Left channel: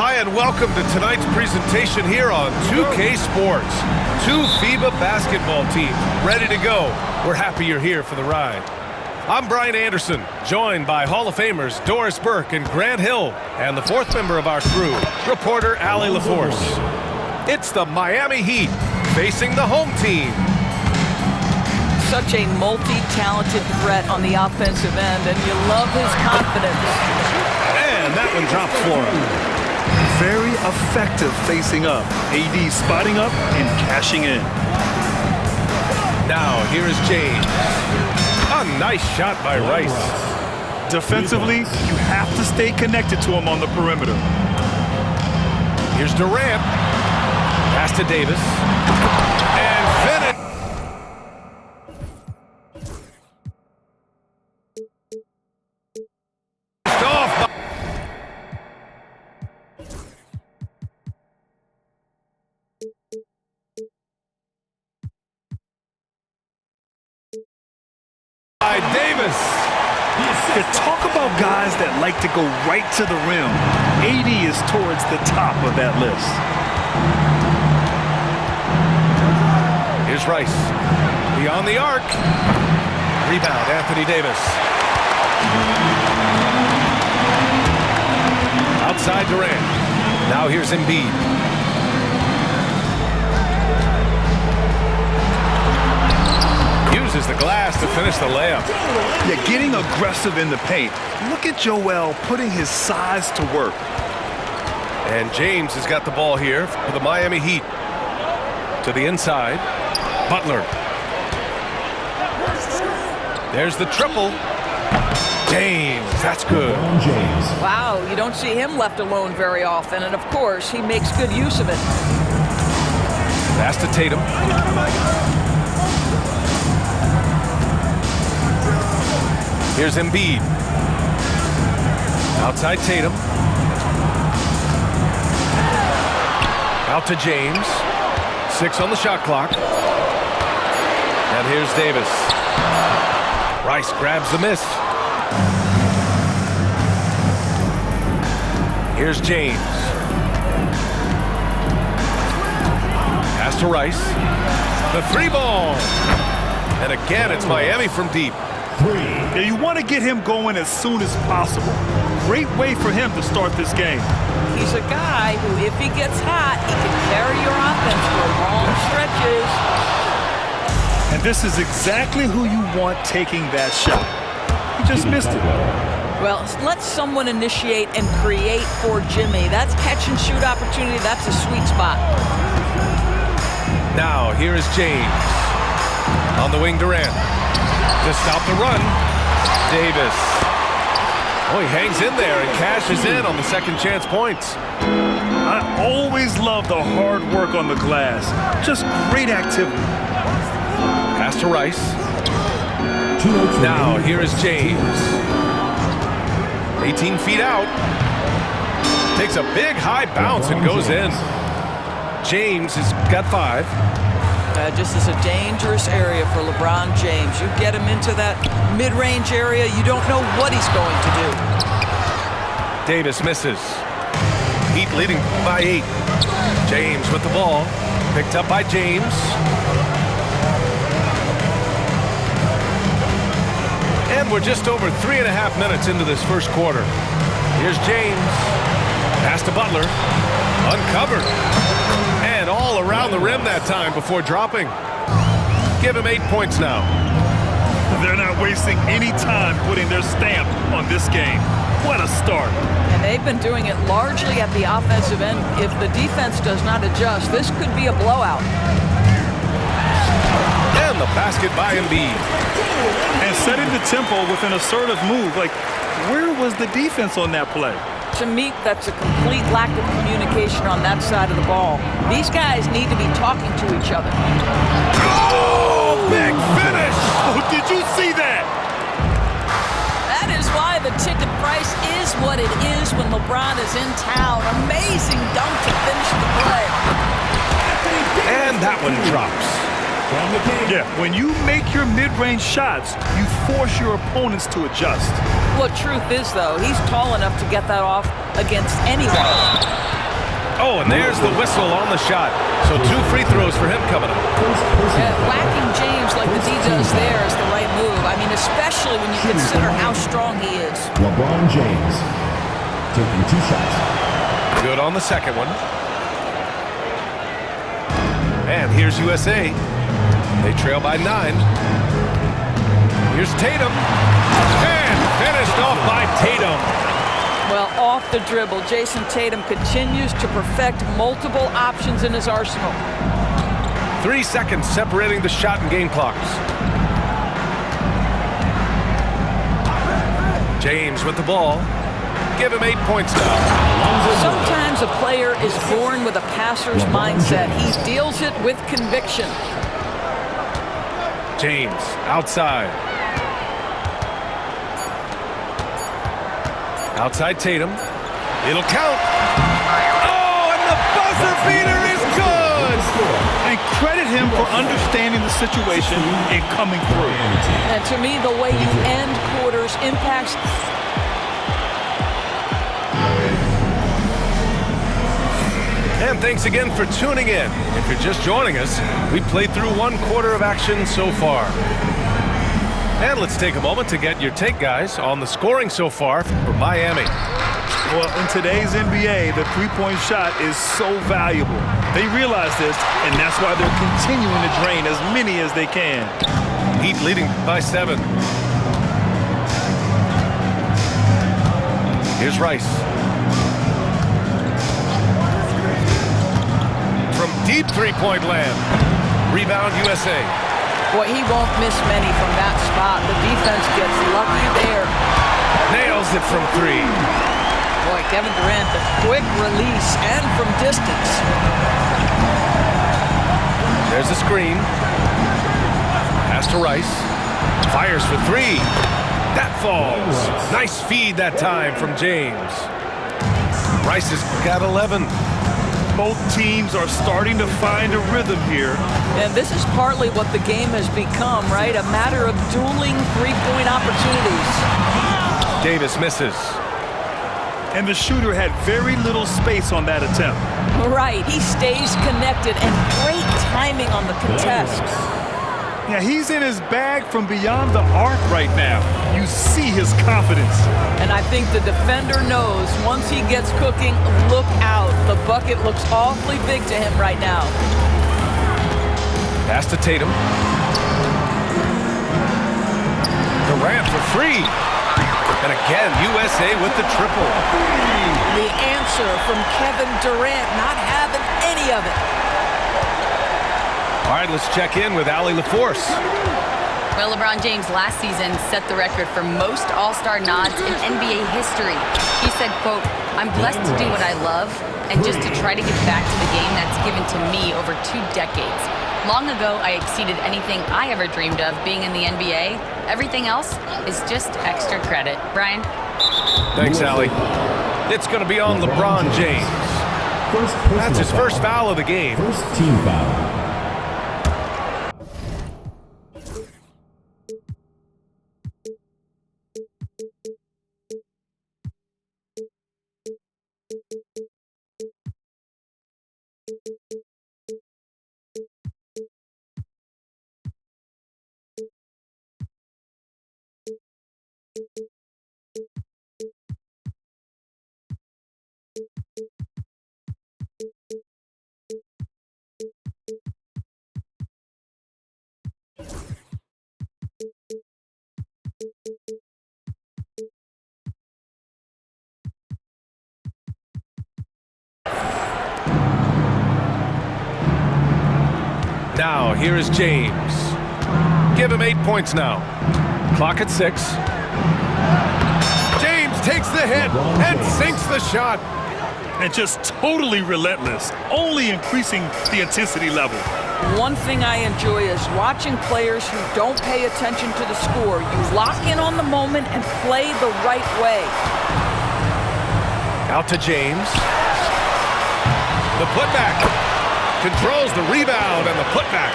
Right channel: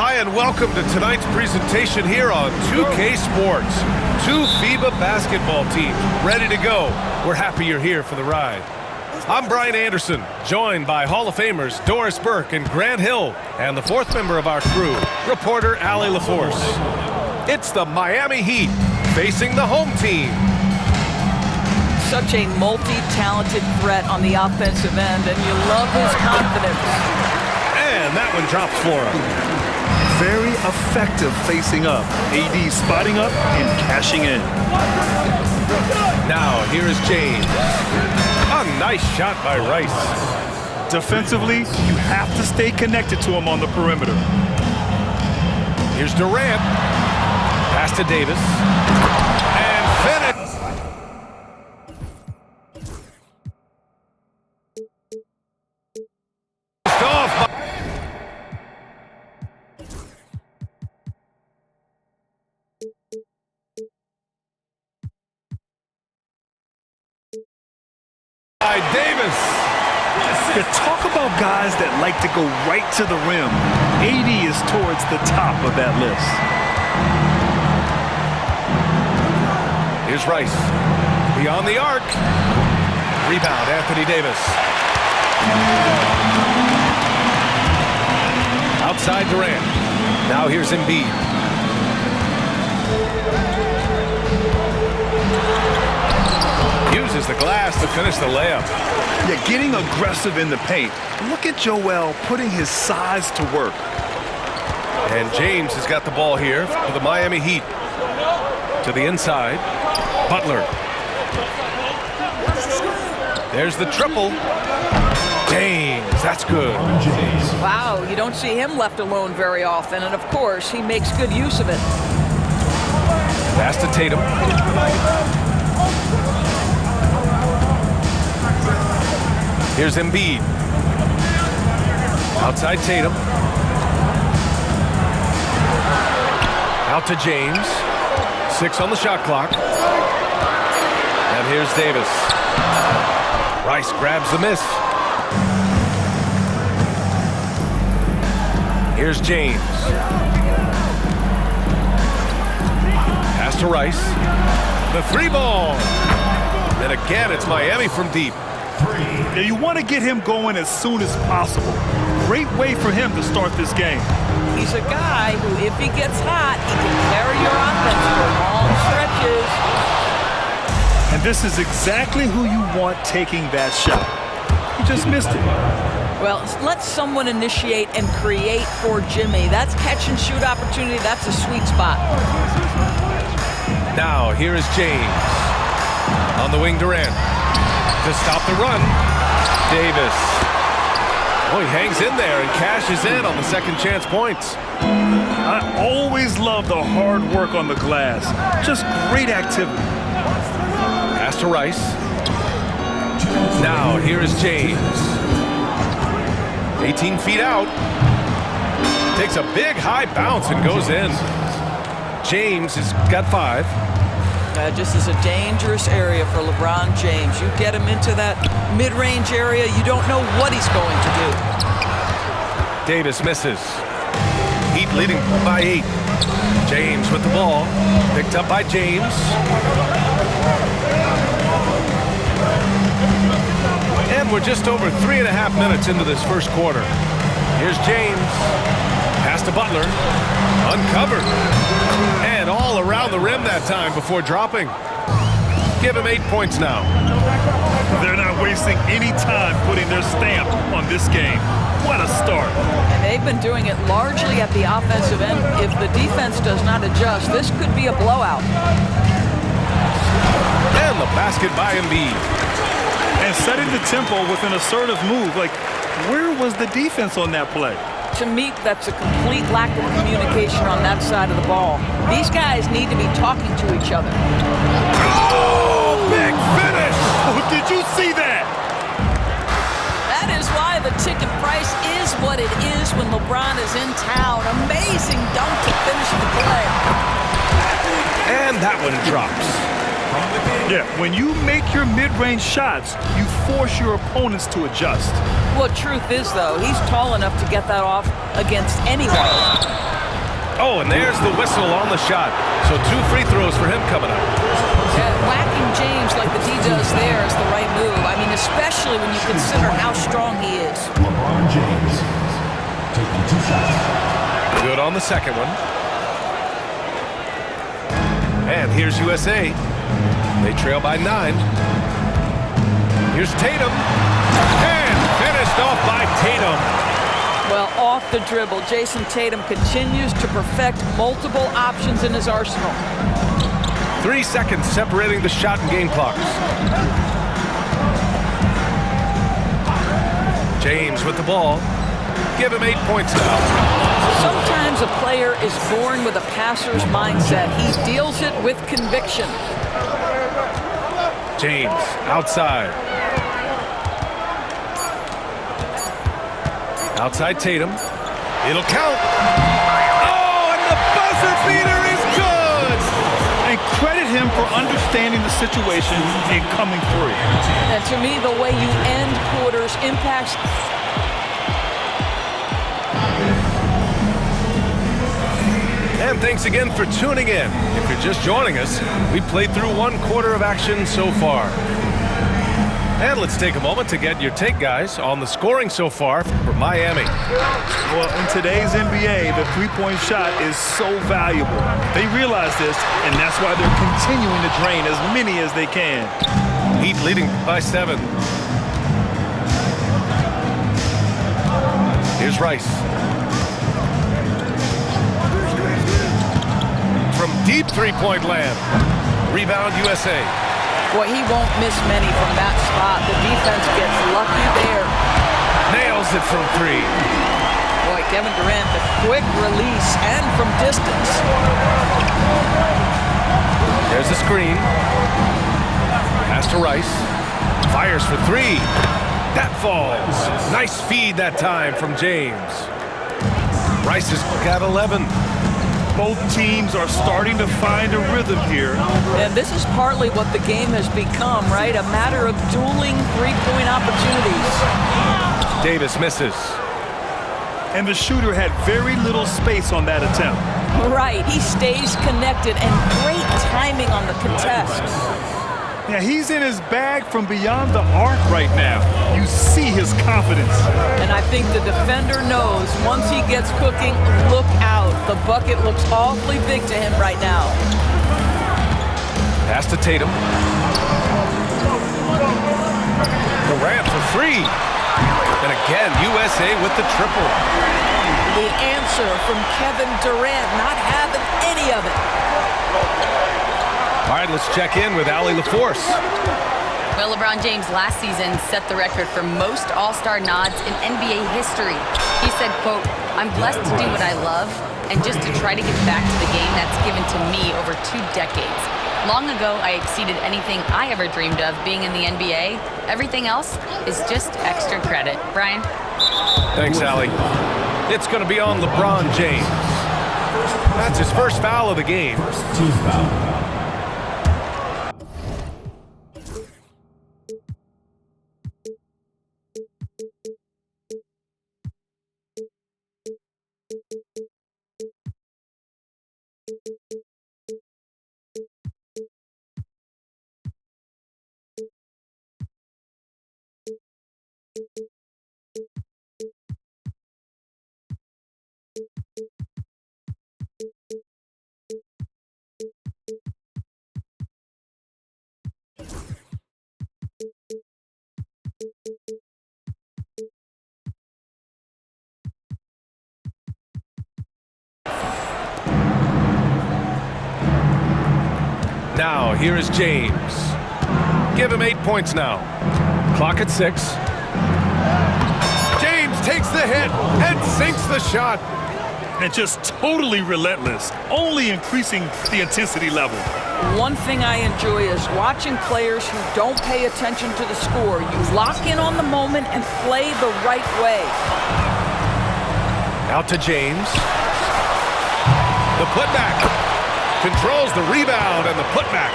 Hi, and welcome to tonight's presentation here on 2K Sports. Two FIBA basketball teams ready to go. We're happy you're here for the ride. I'm Brian Anderson, joined by Hall of Famers Doris Burke and Grant Hill, and the fourth member of our crew, reporter Allie LaForce. It's the Miami Heat facing the home team. Such a multi-talented threat on the offensive end, and you love his confidence. And that one drops for him. Very effective facing up. AD spotting up and cashing in. Now here is James. A nice shot by Rice. Defensively, you have to stay connected to him on the perimeter. Here's Durant. Pass to Davis. And finish. Off by Davis. You talk about guys that like to go right to the rim. AD is towards the top of that list. Here's Rice. Beyond the arc. Rebound, Anthony Davis. Outside Durant. Now here's Embiid. Uses the glass to finish the layup. Yeah, getting aggressive in the paint. Look at Joel putting his size to work. And James has got the ball here for the Miami Heat. To the inside. Butler. There's the triple. James, that's good. Wow, you don't see him left alone very often, and of course, he makes good use of it. Pass to Tatum. Here's Embiid. Outside Tatum. Out to James. 6 on the shot clock. And here's Davis. Rice grabs the miss. Here's James. Pass to Rice. The three ball. And again, it's Miami from deep. Now you want to get him going as soon as possible. Great way for him to start this game. He's a guy who, if he gets hot, he can carry your offense for long stretches. And this is exactly who you want taking that shot. He just missed it. Well, let someone initiate and create for Jimmy. That's catch and shoot opportunity. That's a sweet spot. Now, here is James. On the wing, Durant. To stop the run, Davis. Oh, he hangs in there and cashes in on the second chance points. I always love the hard work on the glass. Just great activity. Pass to Rice. Now, here is James. 18 feet out. Takes a big high bounce and goes in. James has got 5. Just is a dangerous area for LeBron James. You get him into that mid-range area, you don't know what he's going to do. Davis misses. Heat leading by 8. James with the ball. Picked up by James. And we're just over 3.5 minutes into this first quarter. Here's James. Pass to Butler. Uncovered. And all around the rim that time before dropping. Give him 8 points now. They're not wasting any time putting their stamp on this game. What a start. And they've been doing it largely at the offensive end. If the defense does not adjust, this could be a blowout. And the basket by Embiid. And setting the tempo with an assertive move. Like, where was the defense on that play? To me, that's a complete lack of communication on that side of the ball. These guys need to be talking to each other. Oh, big finish! Oh, did you see that? That is why the ticket price is what it is when LeBron is in town. Amazing dunk to finish the play. And that one drops. Yeah, when you make your mid-range shots, you force your opponents to adjust. Well, truth is, though, he's tall enough to get that off against anyone. Oh, and there's the whistle on the shot. So 2 free throws for him coming up. Yeah, whacking James like the D does there is the right move. I mean, especially when you consider how strong he is. LeBron James taking 2 shots. Good on the second one. And here's USA. They trail by 9. Here's Tatum. And finished off by Tatum. Well, off the dribble, Jason Tatum continues to perfect multiple options in his arsenal. 3 seconds separating the shot and game clocks. James with the ball. Give him 8 points now. Sometimes a player is born with a passer's mindset. He deals it with conviction. James outside. Outside Tatum. It'll count. Oh, and the buzzer beater is good! And credit him for understanding the situation and coming through. And to me, the way you end quarters impacts. And thanks again for tuning in. If you're just joining us, we played through 1 quarter of action so far. And let's take a moment to get your take, guys, on the scoring so far for Miami. Well, in today's NBA, the three-point shot is so valuable. They realize this, and that's why they're continuing to drain as many as they can. Heat leading by 7. Here's Rice. From deep three-point land. Rebound USA. Boy, he won't miss many from that spot. The defense gets lucky there. Nails it from 3. Boy, Kevin Durant, the quick release and from distance. There's a screen. Pass to Rice. Fires for 3. That falls. Nice feed that time from James. Rice has got 11. Both teams are starting to find a rhythm here. And this is partly what the game has become, right? A matter of dueling three-point opportunities. Davis misses. And the shooter had very little space on that attempt. Right, he stays connected and great timing on the contest. Yeah, he's in his bag from beyond the arc right now. You see his confidence. And I think the defender knows once he gets cooking, look out. The bucket looks awfully big to him right now. Pass to Tatum. Durant for 3. And again, USA with the triple. The answer from Kevin Durant, not having any of it. All right, let's check in with Allie LaForce. Well, LeBron James last season set the record for most All-Star nods in NBA history. He said, quote, "I'm blessed to do what I love and just to try to get back to the game that's given to me over 2 decades. Long ago, I exceeded anything I ever dreamed of being in the NBA. Everything else is just extra credit." Brian? Thanks, Allie. It's going to be on LeBron James. That's his first foul of the game. First team foul. Now, here is James. Give him 8 points now. Clock at 6. James takes the hit and sinks the shot. And just totally relentless, only increasing the intensity level. One thing I enjoy is watching players who don't pay attention to the score. You lock in on the moment and play the right way. Out to James. The putback. Controls the rebound and the putback.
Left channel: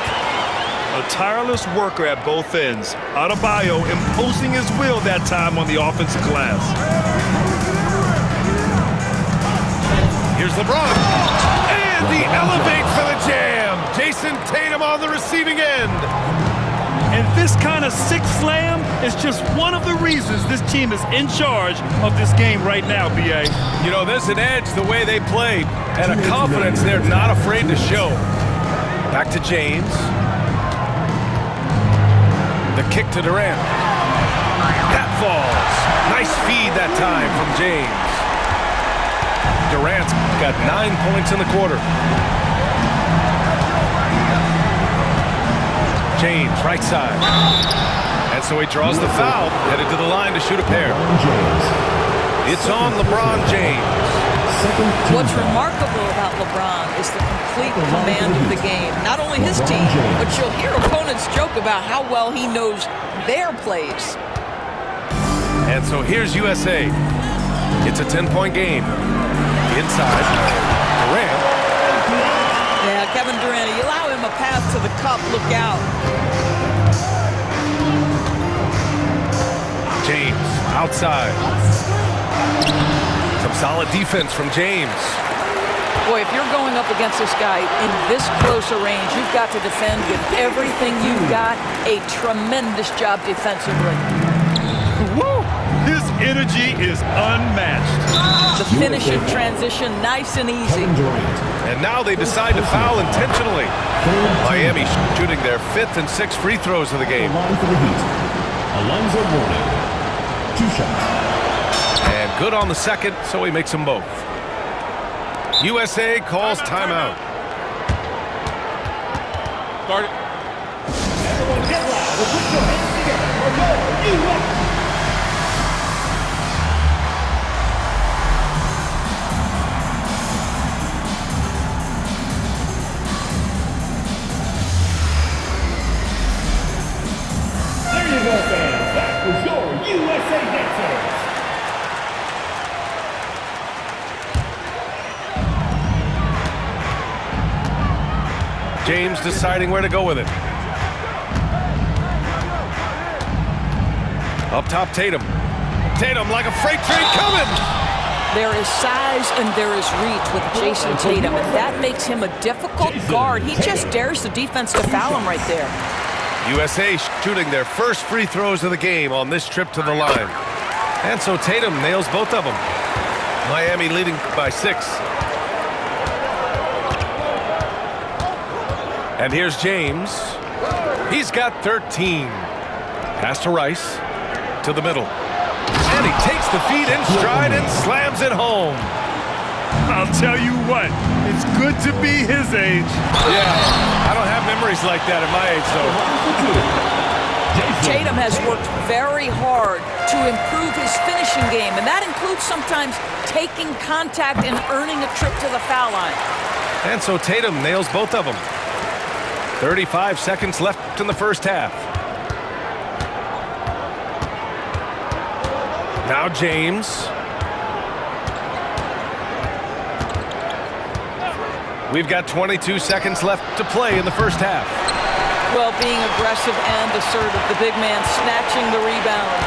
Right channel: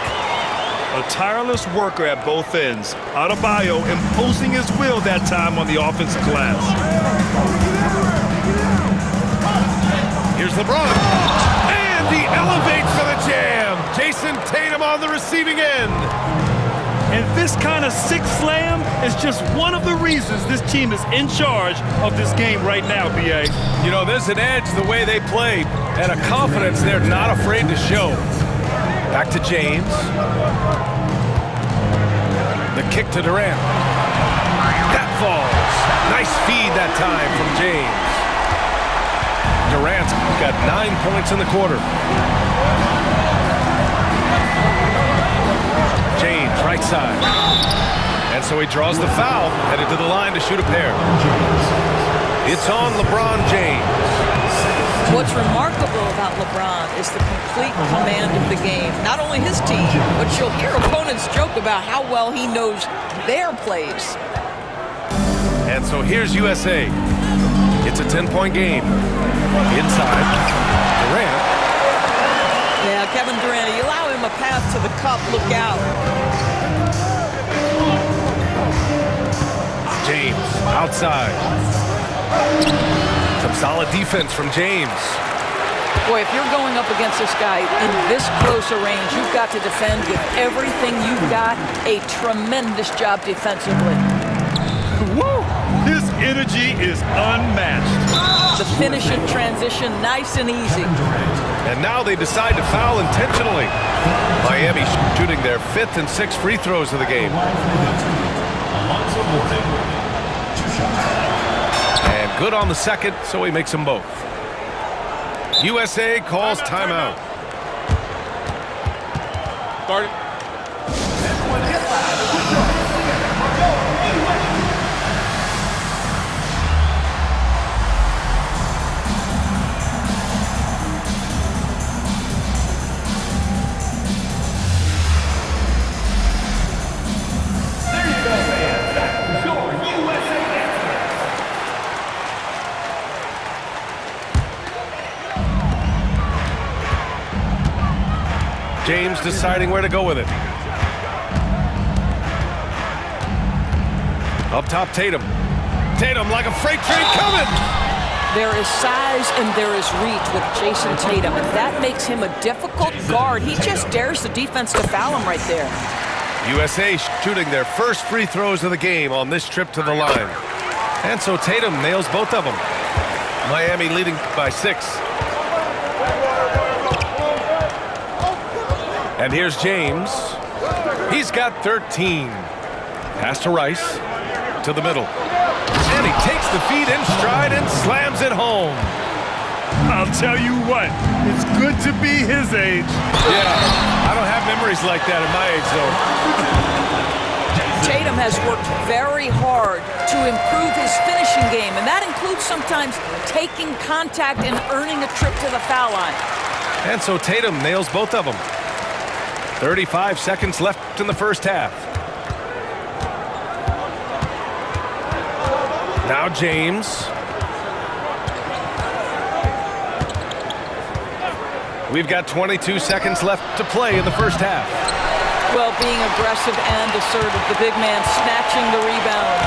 A tireless worker at both ends. Adebayo imposing his will that time on the offensive glass. Here's LeBron. And he elevates for the jam. Jason Tatum on the receiving end. And this kind of sick slam is just one of the reasons this team is in charge of this game right now, B.A. You know, there's an edge the way they play and a confidence they're not afraid to show. Back to James. The kick to Durant. That falls. Nice feed that time from James. Durant's got 9 points in the quarter. James, right side. And so he draws the foul, headed to the line to shoot a pair. It's on LeBron James. What's remarkable about LeBron is the complete command of the game. Not only his team, but you'll hear opponents joke about how well he knows their plays. And so here's USA. It's a 10-point game. Inside, Durant. Yeah, Kevin Durant, you allow him a path to the cup, look out. James, outside. Some solid defense from James. Boy, if you're going up against this guy in this close a range, you've got to defend with everything you've got. A tremendous job defensively. Woo! His energy is unmatched. The finish in transition, nice and easy. And now they decide to foul intentionally. Miami shooting their 5th and 6th free throws of the game. Alonzo Mourning, 2 shots. And good on the second, so he makes them both. USA calls timeout. Start it. Everyone get loud and put your hands together. Go, USA! James deciding where to go with it. Up top, Tatum. Tatum like a freight train coming. There is size and there is reach with Jason Tatum, and that makes him a difficult guard. He just dares the defense to foul him right there. USA shooting their first free throws of the game on this trip to the line. And so Tatum nails both of them. Miami leading by 6. And here's James. He's got 13. Pass to Rice. To the middle. And he takes the feed in stride and slams it home. I'll tell you what, it's good to be his age. Yeah, I don't have memories like that at my age, though. Tatum has worked very hard to improve his finishing game, and that includes sometimes taking contact and earning a trip to the foul line. And so Tatum nails both of them. 35 seconds left in the first half. Now James. We've got 22 seconds left to play in the first half. Well, being aggressive and assertive, the big man snatching the rebound.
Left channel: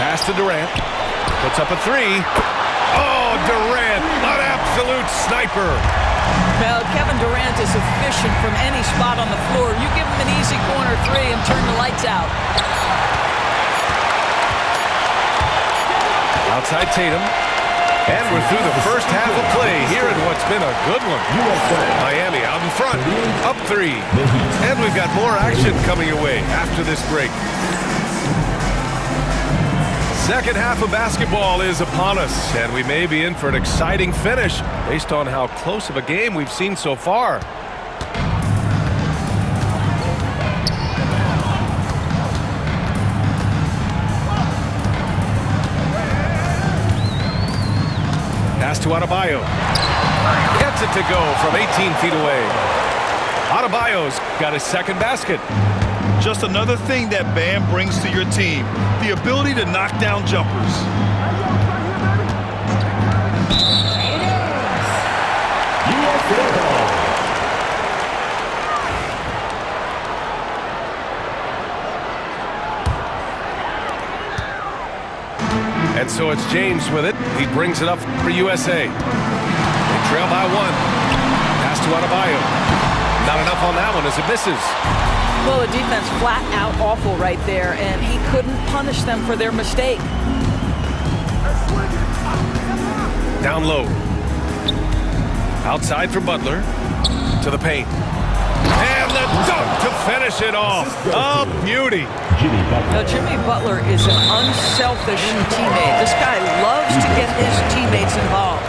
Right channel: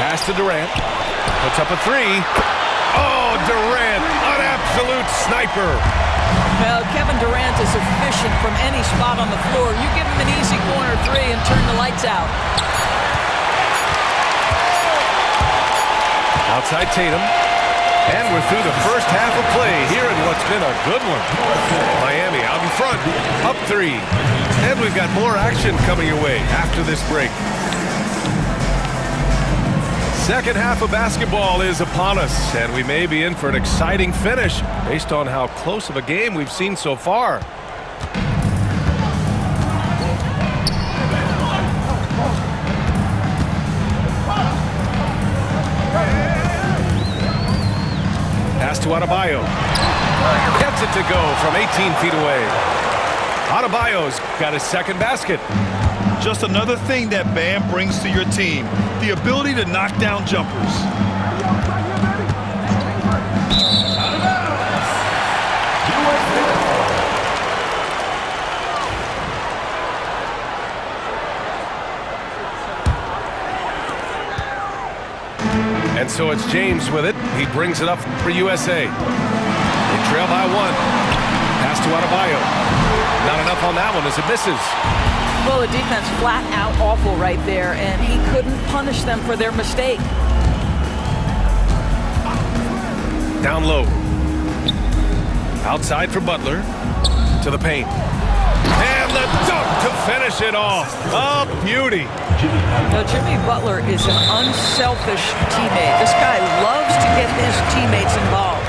Pass to Durant. Puts up a 3. Oh, Durant, an absolute sniper. Well, Kevin Durant is efficient from any spot on the floor. You give him an easy corner 3 and turn the lights out. Outside Tatum. And we're through the first half of play here in what's been a good one. Miami out in front, up 3. And we've got more action coming your way after this break. Second half of basketball is upon us, and we may be in for an exciting finish based on how close of a game we've seen so far. Pass to Adebayo. Gets it to go from 18 feet away. Adebayo's got his second basket. Just another thing that Bam brings to your team, the ability to knock down jumpers. And so it's James with it. He brings it up for USA. They trail by 1. Pass to Adebayo. Not enough on that one as it misses. Well, the defense flat out awful right there, and he couldn't punish them for their mistake. Down low. Outside for Butler. To the paint. And the dunk to finish it off. A beauty. Now, Jimmy Butler is an unselfish teammate. This guy loves to get his teammates involved.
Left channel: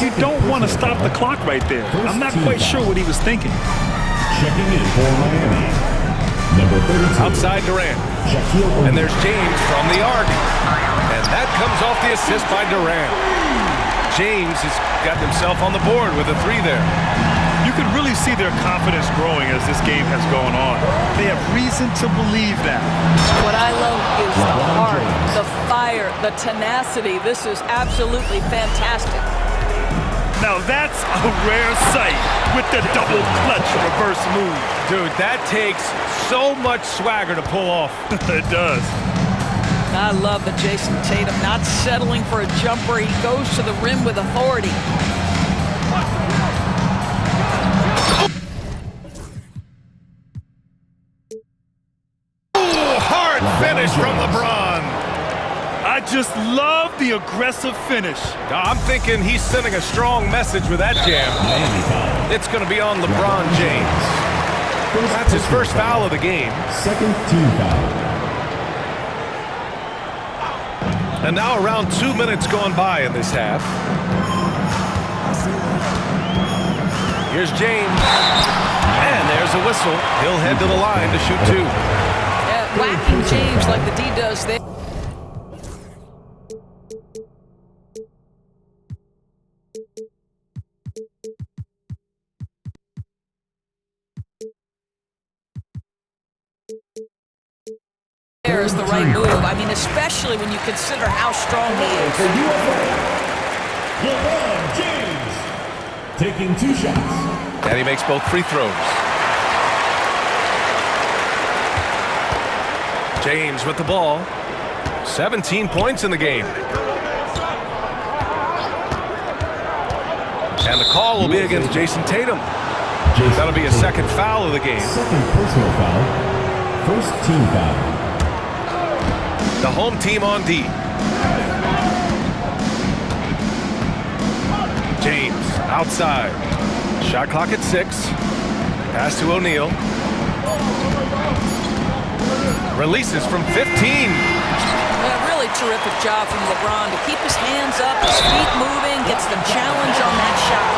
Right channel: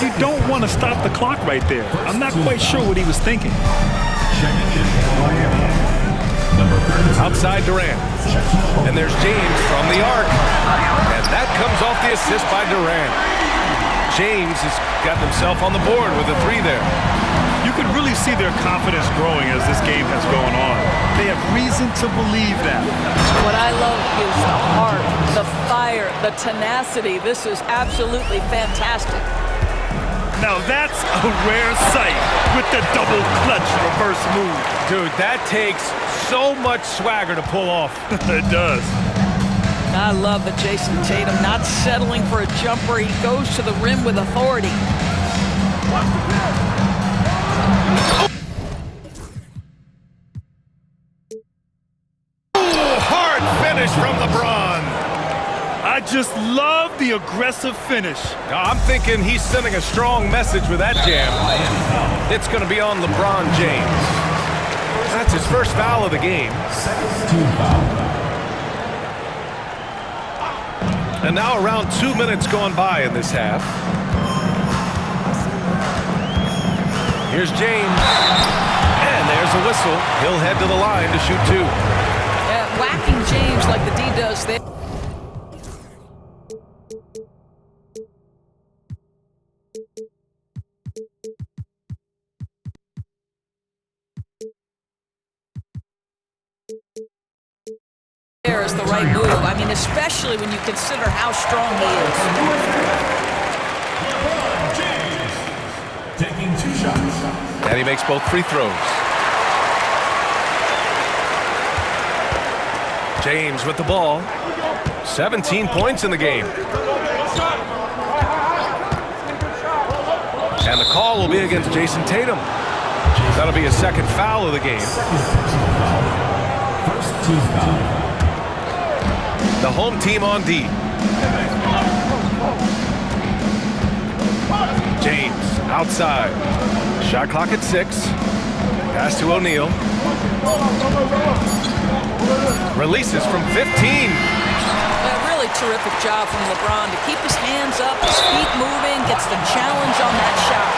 You don't want to stop the clock right there. I'm not quite sure what he was thinking. Checking in for Miami. Number 32. Outside Durant. And there's James from the arc. And that comes off the assist by Durant. James has gotten himself on the board with a 3 there. You can really see their confidence growing as this game has gone on. They have reason to believe that. What I love is the heart, the fire, the tenacity. This is absolutely fantastic. Now that's a rare sight with the double clutch reverse move. Dude, that takes so much swagger to pull off. It does. I love that Jason Tatum not settling for a jumper. He goes to the rim with authority. Oh, hard finish from LeBron. I just love the aggressive finish. I'm thinking he's sending a strong message with that jam. It's going to be on LeBron James. That's his first foul of the game. Second team foul. And now around 2 minutes gone by in this half. Here's James. And there's a whistle. He'll head to the line to shoot 2. Yeah, whacking James like the D does there. There is the right move. I mean, especially when you consider how strong he is. For USA, LeBron James taking 2 shots. And he makes both free throws. James with the ball. 17 points in the game. And the call will be against Jason Tatum. That'll be his second foul of the game. Second personal foul. First team foul. The home team on D. James outside. Shot clock at 6. Pass to O'Neal. Releases from 15. A really terrific job from LeBron to keep his hands up, his feet moving, gets the challenge on that shot.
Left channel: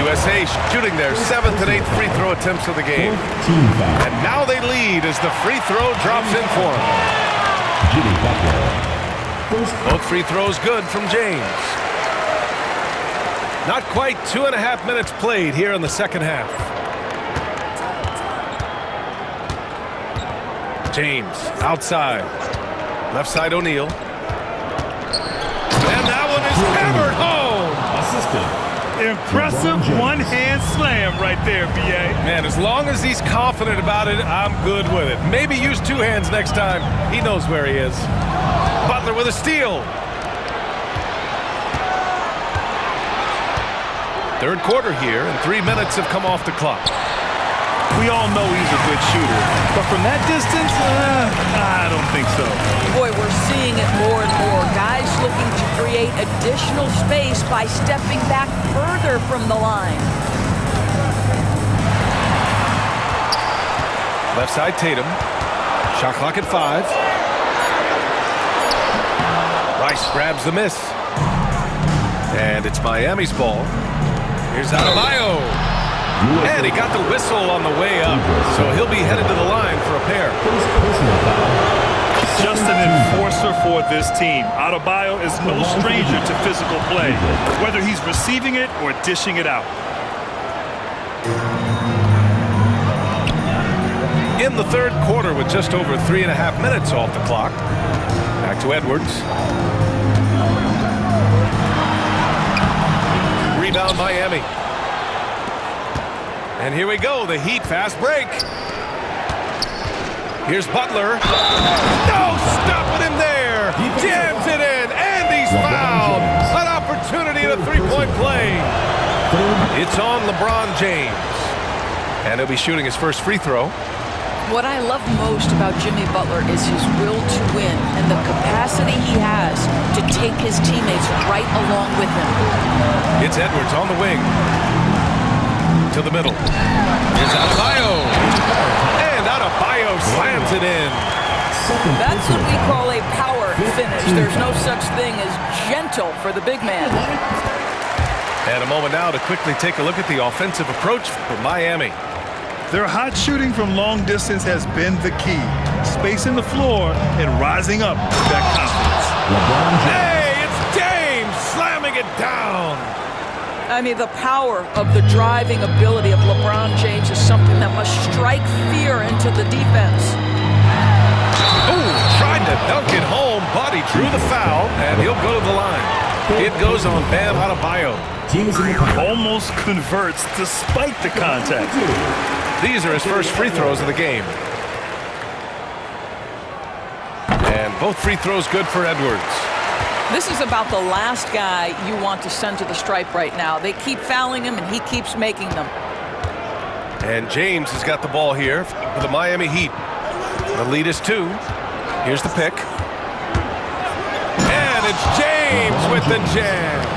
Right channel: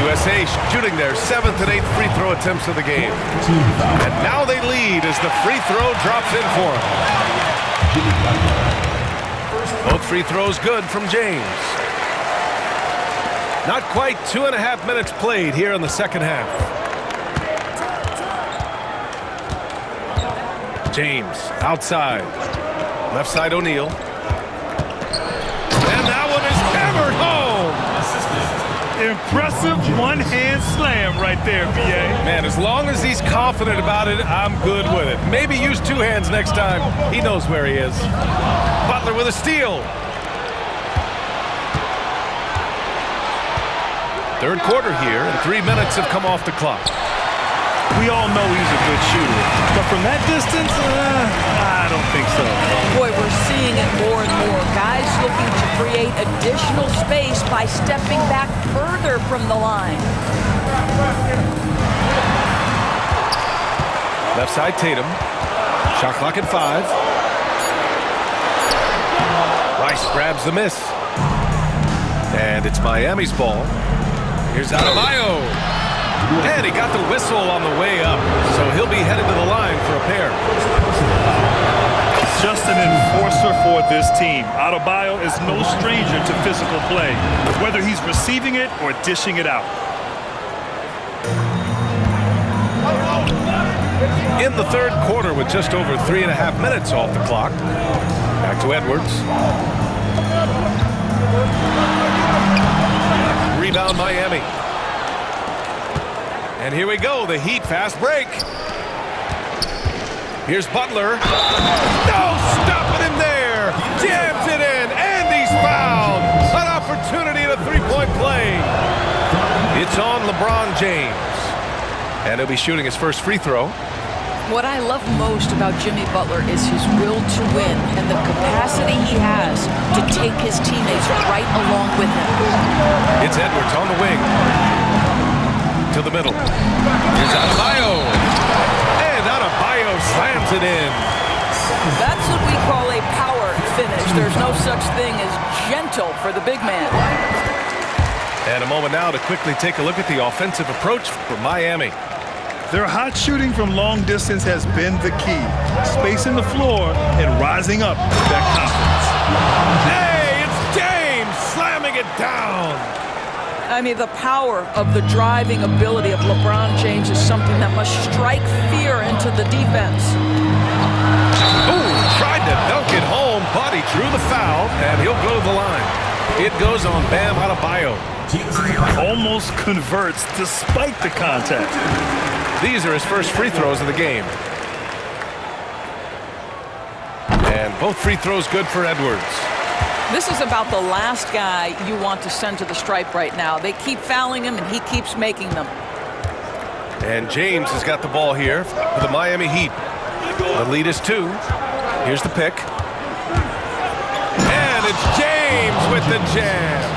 USA shooting their 7th and 8th free throw attempts of the game. Team foul. And now they lead as the free throw drops in for them. Jimmy Butler. Both free throws good from James. Not quite 2.5 minutes played here in the second half. James outside. Left side O'Neal. And that one is hammered home. Assisted. Impressive one-hand slam right there, B.A. Man, as long as he's confident about it, I'm good with it. Maybe use 2 hands next time. He knows where he is. Butler with a steal. Third quarter here, and 3 minutes have come off the clock. We all know he's a good shooter, but from that distance, I don't think so. Boy, we're seeing it more and more. Guys looking to create additional space by stepping back further from the line. Left side Tatum. Shot clock at 5. Rice grabs the miss. And it's Miami's ball. Here's Adebayo. And he got the whistle on the way up, so he'll be headed to the line for a pair. Just an enforcer for this team. Adebayo is no stranger to physical play, whether he's receiving it or dishing it out. In the third quarter with just over 3.5 minutes off the clock. Back to Edwards. Rebound Miami. And here we go, the Heat fast break. Here's Butler. No stopping him there. Jams it in, and he he's fouled. An opportunity at a three-point play. It's on LeBron James. And he'll be shooting his first free throw. What I love most about Jimmy Butler is his will to win and the capacity he has to take his teammates right along with him. It's Edwards on the wing. To the middle. Here's Adebayo. And Adebayo slams it in. That's what we call a power finish. There's no such thing as gentle for the big man. And a moment now to quickly take a look at the offensive approach for Miami. Their hot shooting from long distance has been the key. Spacing the floor and rising up with that confidence. Hey, it's James slamming it down. I mean, the power of the driving ability of LeBron James is something that must strike fear into the defense. Ooh, tried to dunk it home, but he drew the foul, and he'll go to the line. It goes on Bam Adebayo. Almost converts despite the contact. These are his first free throws of the game. And both free throws good for Edwards. This is about the last guy you want to send to the stripe right now. They keep fouling him, and he keeps making them. And James has got the ball here for the Miami Heat. The lead is 2. Here's the pick. And it's James with the jam.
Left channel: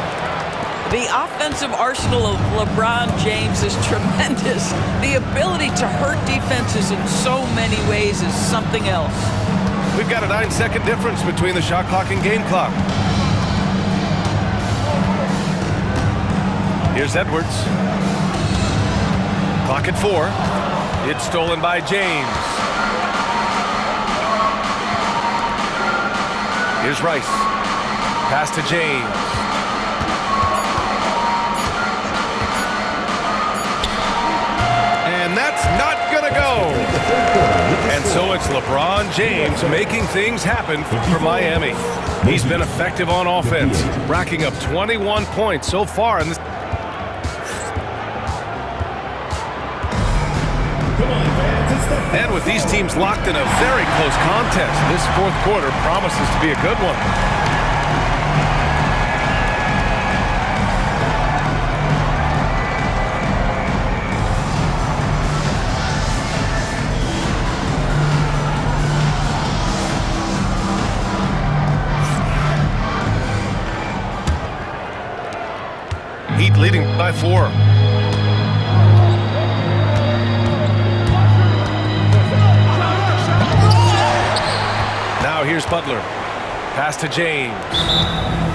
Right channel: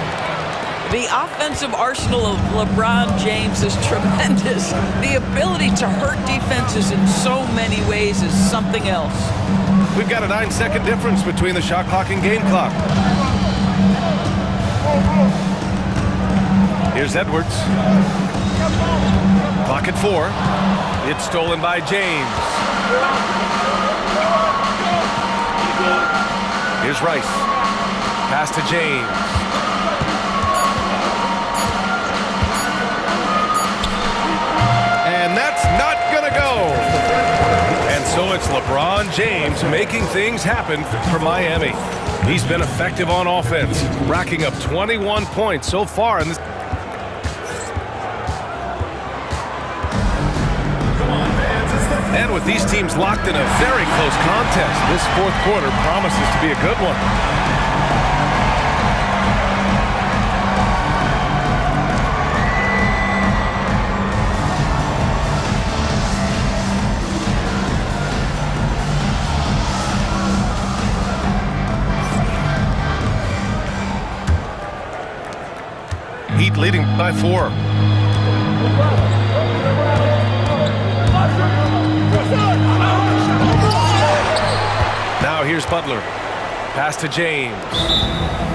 The offensive arsenal of LeBron James is tremendous. The ability to hurt defenses in so many ways is something else. We've got a 9-second difference between the shot clock and game clock. Here's Edwards. Clock at 4. It's stolen by James. Here's Rice. Pass to James. And that's not gonna go. And so it's LeBron James making things happen for Miami. He's been effective on offense, racking up 21 points so far in this. And with these teams locked in a very close contest, this fourth quarter promises to be a good one. Heat leading by 4. Now here's Butler. Pass to James.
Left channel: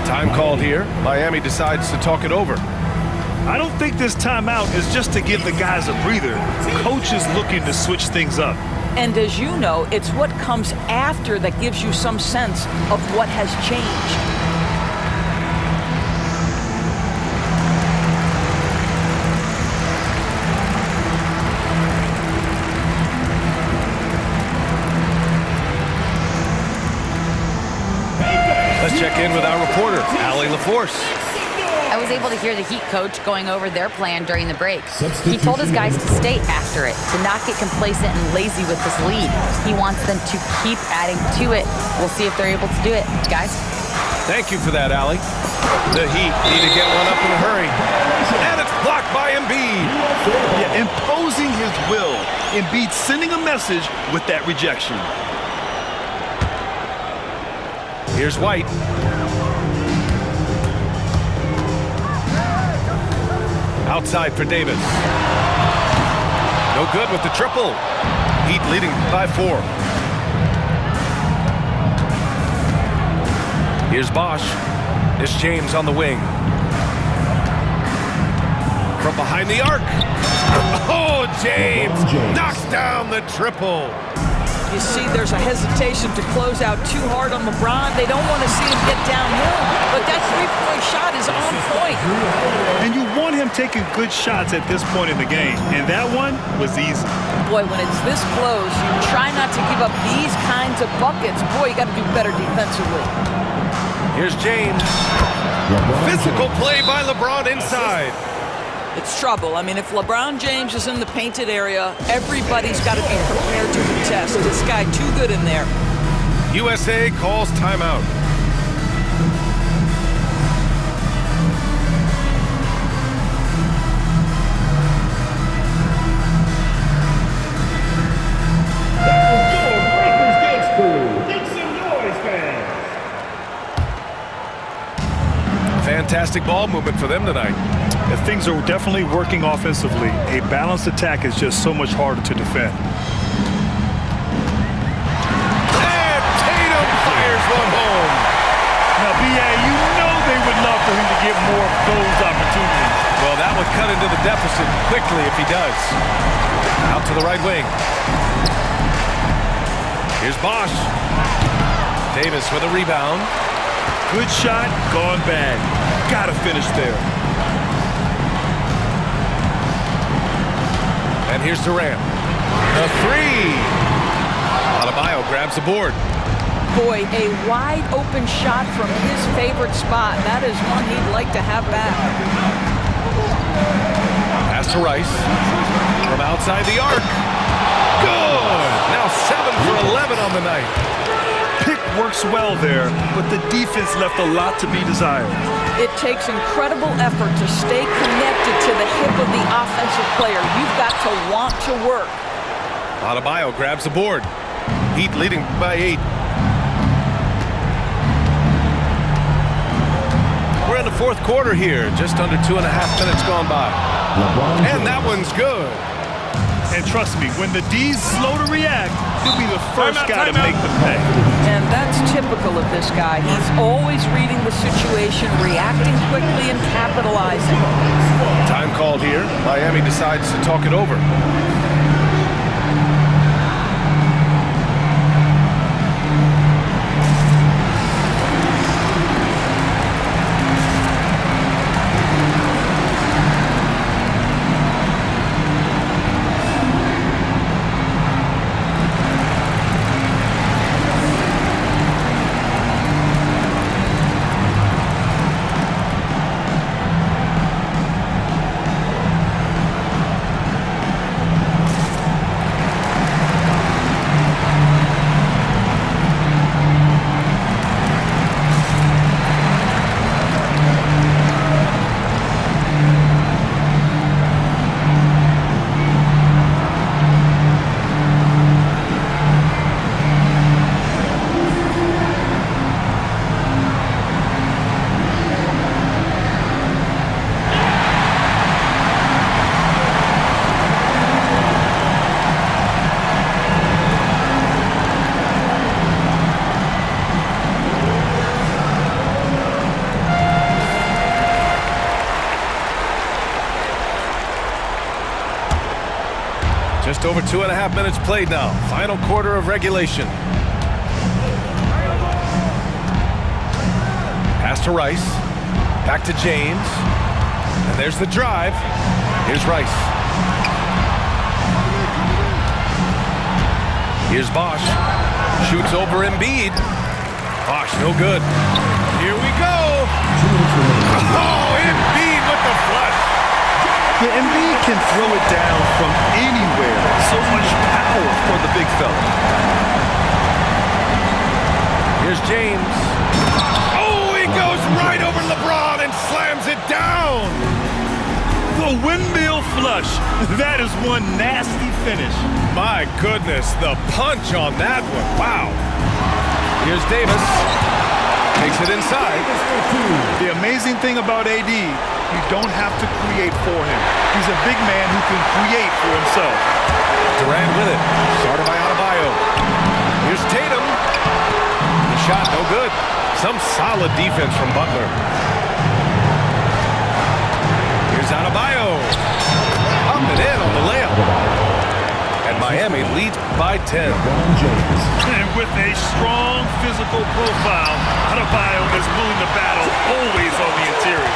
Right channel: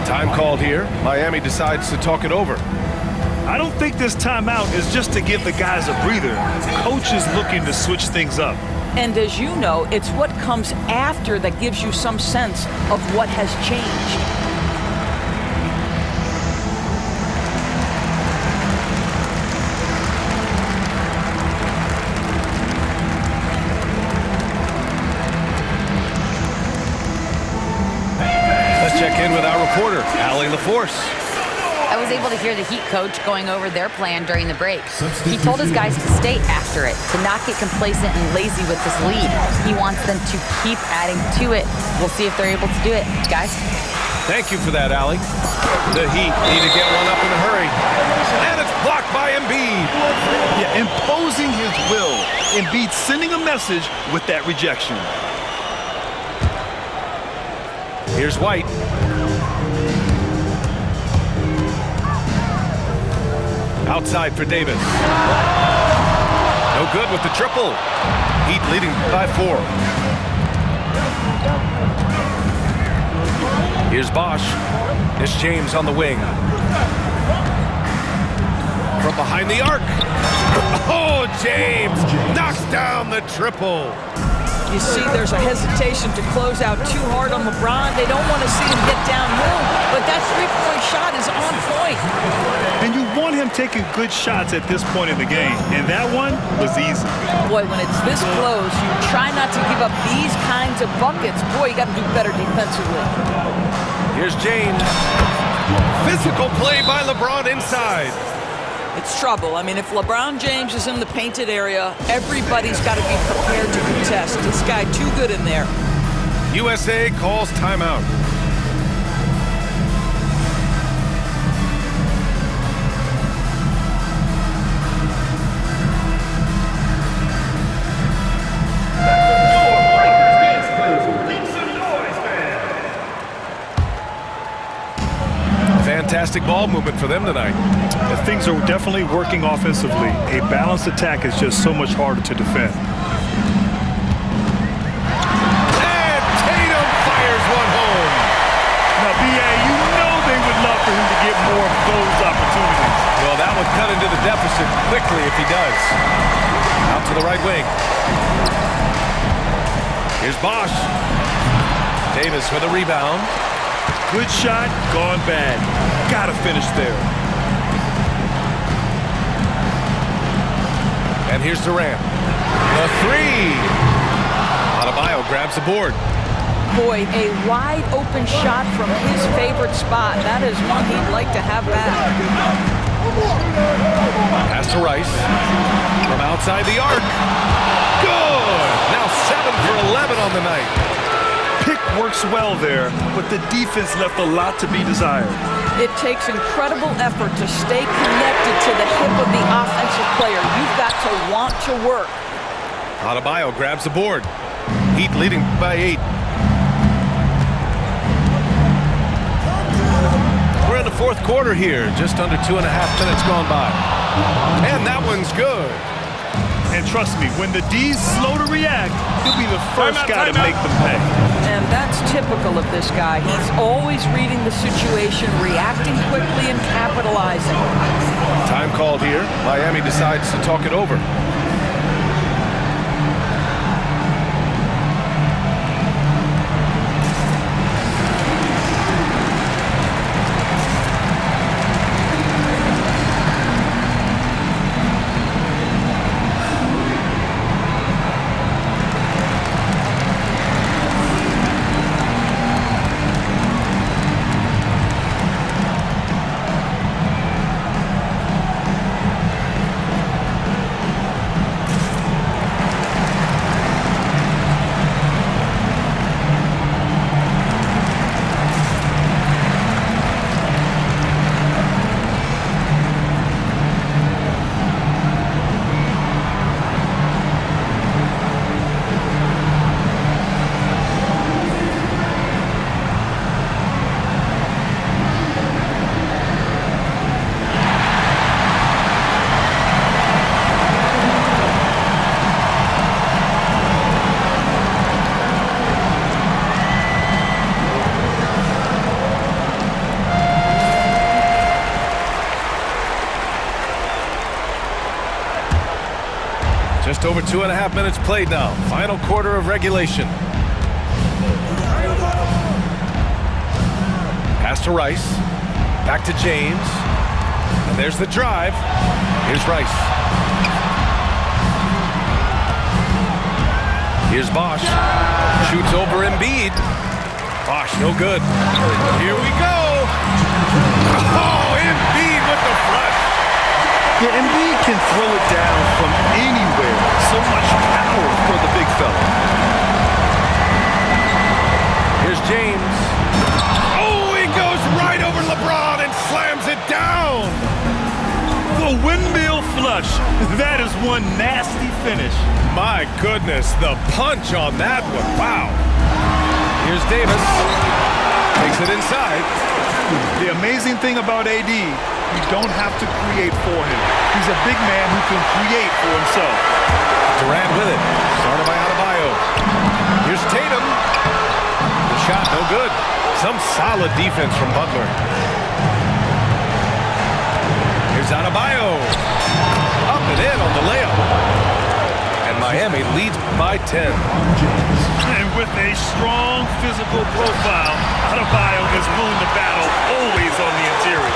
Time called here. Miami decides to talk it over. I don't think this timeout is just to give the guys a breather. Coach is looking to switch things up. And as you know, it's what comes after that gives you some sense of what has changed. Let's check in with our reporter, Allie LaForce. I was able to hear the Heat coach going over their plan during the break. He told his guys to stay after it, to not get complacent and lazy with this lead. He wants them to keep adding to it. We'll see if they're able to do it. Guys? Thank you for that, Allie. The Heat need to get one up in a hurry. And it's blocked by Embiid. Yeah, imposing his will. Embiid sending a message with that rejection. Here's White. Outside for Davis. No good with the triple. Heat leading by 4. Here's Bosch. It's James on the wing. From behind the arc. Oh, James knocks down the triple. You see, there's a hesitation to close out too hard on LeBron. They don't want to see him get downhill, but that three-point shot is on point. And you want him taking good shots at this point in the game, and that one was easy. Boy, when it's this close, you try not to give up these kinds of buckets. Boy, you got to do better defensively. Here's James. Physical play by LeBron inside. It's trouble. I mean, if LeBron James is in the painted area, everybody's got to be prepared to contest. This guy too good in there. USA calls timeout. fantastic ball movement for them tonight. If things are definitely working offensively, a balanced attack is just so much harder to defend. And Tatum fires one home. Now, B.A., you know they would love for him to get more of those opportunities. Well, that would cut into the deficit quickly if he does. Out to the right wing. Here's Bosch. Davis with a rebound. Good shot, gone bad. Gotta finish there. And here's Durant. The three. Adebayo grabs the board. Boy, a wide open shot from his favorite spot. That is one he'd like to have back. Pass to Rice. From outside the arc. Good. Now 7 for 11 on the night. Pick works well there, but the defense left a lot to be desired. It takes incredible effort to stay connected to the hip of the offensive player. You've got to want to work. Adebayo grabs the board. Heat leading by 8. We're in the fourth quarter here. Just under 2.5 minutes gone by. And that one's good. And trust me, when the D's slow to react, he'll be the first guy to make them pay. And that's typical of this guy. He's always reading the situation, reacting quickly, and capitalizing. Time called here. Miami decides to talk it over. Just over 2.5 minutes played now. Final quarter of regulation. Pass to Rice. Back to James. And there's the drive. Here's Rice. Here's Bosch. Shoots over Embiid. Bosch, no good. Here we go. Oh, Embiid with the flush. Yeah, Embiid can throw it down from anywhere. So much power for the big fella. Here's James. Oh, he goes right over LeBron and slams it down. The windmill flush. That is one nasty finish. My goodness, the punch on that one. Wow. Here's Davis. Takes it inside. The amazing thing about AD, you don't have to create for him. He's a big man who can create for himself. Durant with it. Started by Adebayo. Here's Tatum. The shot, no good. Some solid defense from Butler. Here's Adebayo. Up and in on the layup. And Miami leads by 10. And with a strong physical profile, Adebayo is willing to battle always on the interior.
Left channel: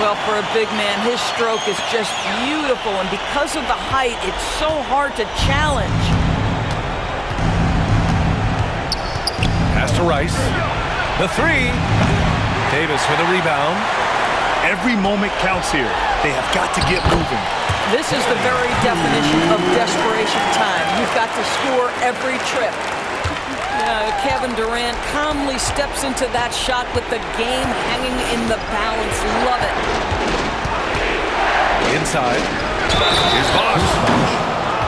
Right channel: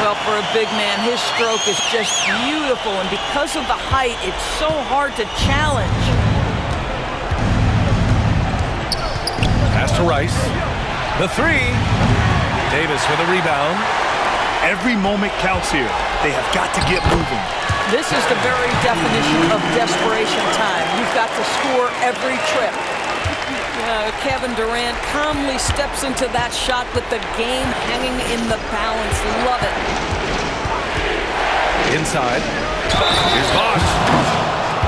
Well, for a big man, his stroke is just beautiful, and because of the height, it's so hard to challenge. Pass to Rice. The three. Davis with a rebound. Every moment counts here. They have got to get moving. This is the very definition of desperation time. You've got to score every trip. Kevin Durant calmly steps into that shot with the game hanging in the balance. Love it. Inside. Here's Bosch.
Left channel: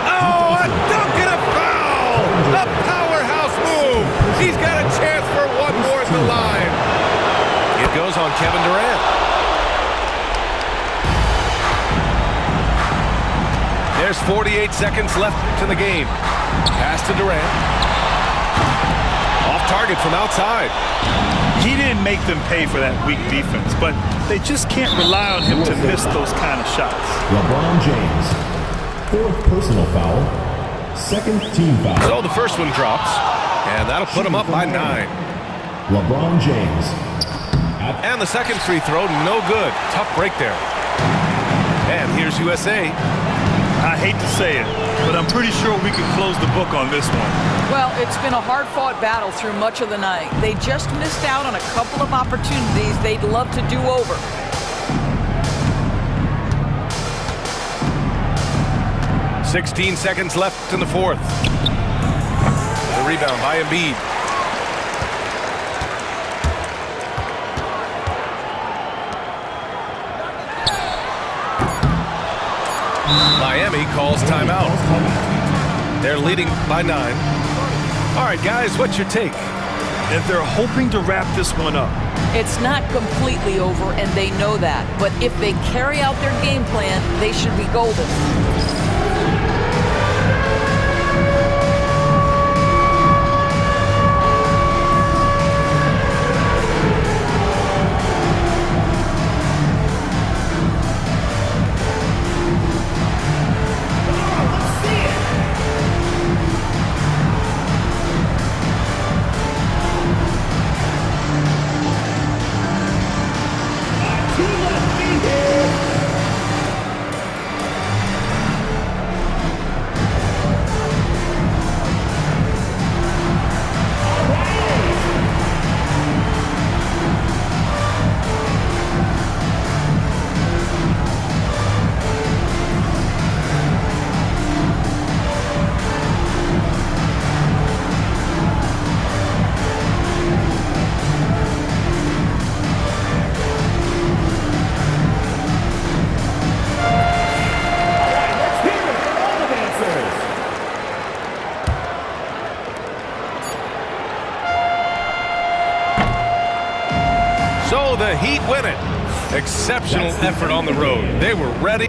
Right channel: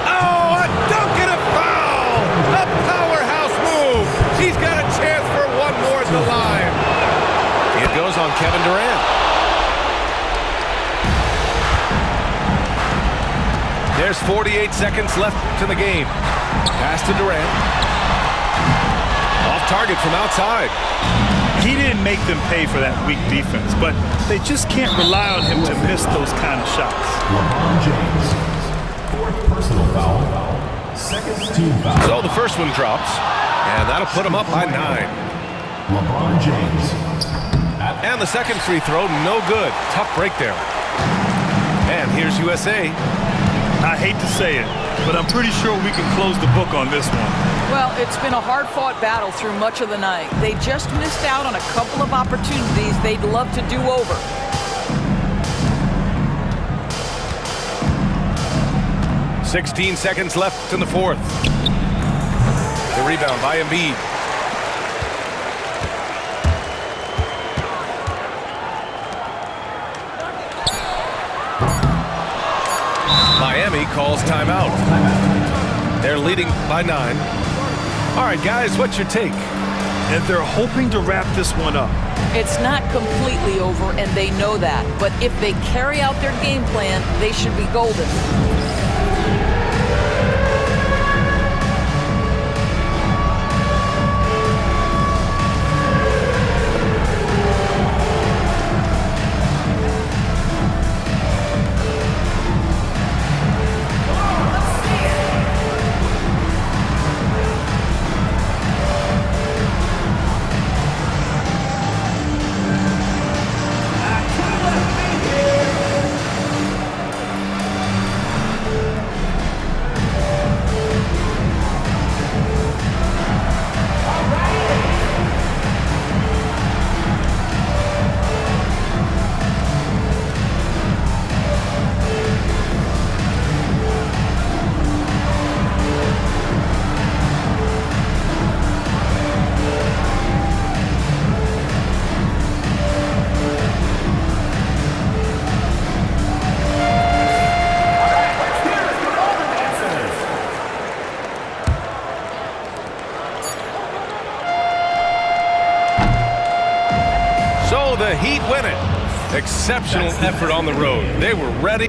Oh, a dunk and a foul! A powerhouse move. He's got a chance for one more at the line. It goes on Kevin Durant. There's 48 seconds left to the game. Pass to Durant. Off target from outside. He didn't make them pay for that weak defense, but they just can't rely on him to miss those kind of shots. LeBron James, 4th personal foul, 2nd team foul. So the first one drops, and that'll put him up by 9. LeBron James. And the second free throw, no good. Tough break there. And here's USA. I hate to say it, but I'm pretty sure we can close the book on this one. Well, it's been a hard-fought battle through much of the night. They just missed out on a couple of opportunities they'd love to do over. "16 seconds left in the fourth. The rebound by Embiid. Miami calls timeout. They're leading by 9. All right, guys, what's your take? And they're hoping to wrap this one up. It's not completely over, and they know that. But if they carry out their game plan, they should be golden. So the Heat win it. Exceptional effort on the road. They were ready.